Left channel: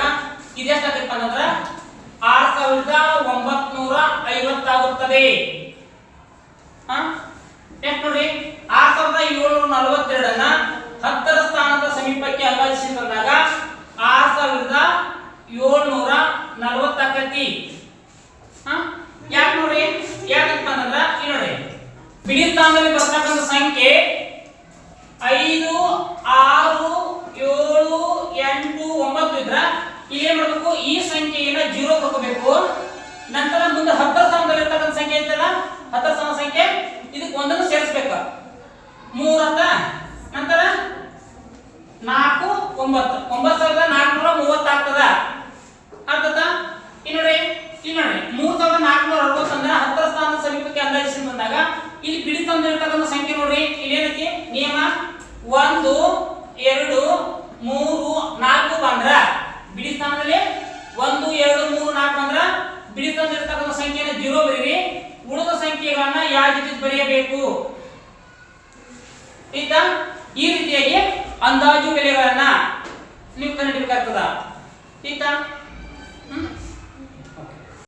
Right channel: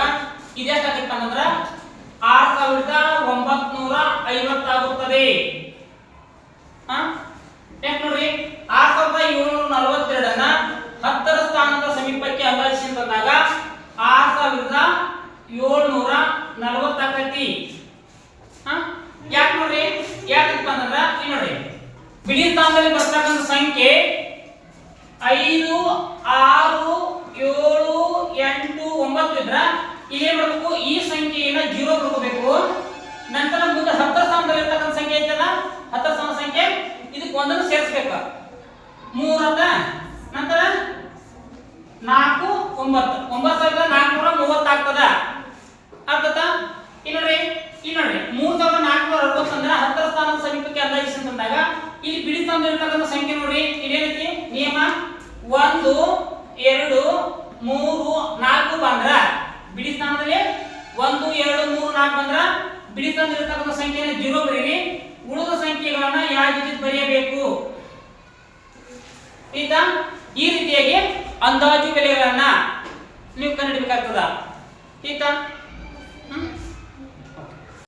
ಬಂದಾಗ ಇದೆಷ್ಟಾಗತ್ತಪ್ಪ ಅಂತಂದ್ರೆ 6950 ಆಗುತ್ತದೆ. ನೆಕ್ಸ್ಟ್ ನೋಡ್ರಿ 6742 10ರ ಸ್ಥಾನದ ಸಮೀಪಕ್ಕೆ ಅಂದಾಜಿಸಿದಾಗ 6740 ಆಕತಿ. ಯಾಕೆ ನೋಡ್ರಿ, ಯಾಕಪ್ಪ ಅಂತಂದ್ರೆ ಇಲ್ಲಿ ನೋಡ್ರಿ ಬಿಡಿ ಸ್ಥಾನದಲ್ಲಿ ಬರ್ತಕ್ಕಂಥ ಸಂಖ್ಯೆ 5 6 7 8 9 ಇದ್ರ ಇಲ್ಲಿ ಏನ್ ಮಾಡಬೇಕು, ಈ ಸಂಖ್ಯೆಯನ್ನ 0 ತಗೋಬೇಕು. ನಂತರ ಮುಂದೆ 10ರ ಸ್ಥಾನದಲ್ಲಿ ಇರ್ತಕ್ಕಂಥ ಸಂಖ್ಯೆ ಐತಲ್ಲ, 10ರ ಸ್ಥಾನದ ಸಂಖ್ಯೆ ಇದಕ್ಕೆ ಒಂದನ್ನು ಸೇರಿಸಬೇಕು. 3 ಅಂತ ನಂತರ 4 9 9430 ಆಗ್ತದ. ಆಗ್ತದ. ಇಲ್ಲಿ ನೋಡ್ರಿ 3460 ಅಂದ್ರೆ 10ರ ಸ್ಥಾನದ ಸಮೀಪಕ್ಕೆ ಅಂದಾಜಿಸಿ ಬಂದಾಗ ಇಲ್ಲಿ ಬಿಡಿ ಸ್ಥಾನದಲ್ಲಿ ಇರ್ತಕ್ಕಂಥ ಸಂಖ್ಯೆ ನೋಡ್ರಿ, ಇಲ್ಲಿ ಏನೈತಿ ನಿಯಮ 1 2 3 4 ಬಂದ್ರ ಬಿಡಿ ಸ್ಥಾನದಲ್ಲಿ 1 2 3 4 ಬಂದ್ರ ಬಿಡಿ ಸ್ಥಾನದಲ್ಲಿ ಇರ್ತಕ್ಕಂಥ ಸಂಖ್ಯೆನ 0 ಬರೀರಿ. ಉಳಿದ ಸಂಖ್ಯೆಗಳನ್ನ ಯಾವ ರೀತಿ ಬರೆಯಬೇಕು ಆಯ್ತಾ? ಈ ರೀತಿಯಾಗಿ ಅಂದಾಜು ಬೆಲೆಗಳನ್ನ ನೀವು ಕಂಡುಹಿಡಿಯಬೇಕಾಗ್ತದ. ಆಯ್ತಾ?